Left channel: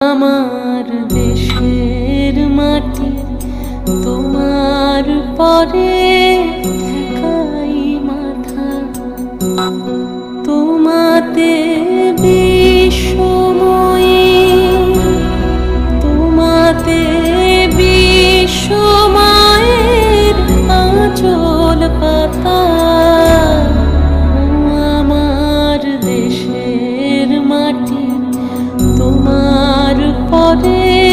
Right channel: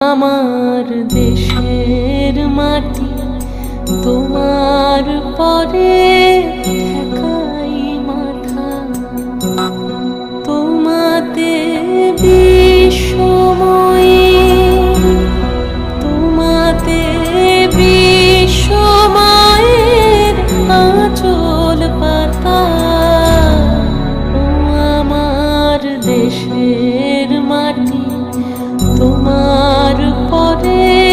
আমার দেশের মাটি তোমার পরে ঠেকাই মাথা। তোমাতে বিশ্বময়ী, তোমাতে বিশ্বমায়ের আঁচল পাতা। ও আমার দেশের মাটি তোমার পরে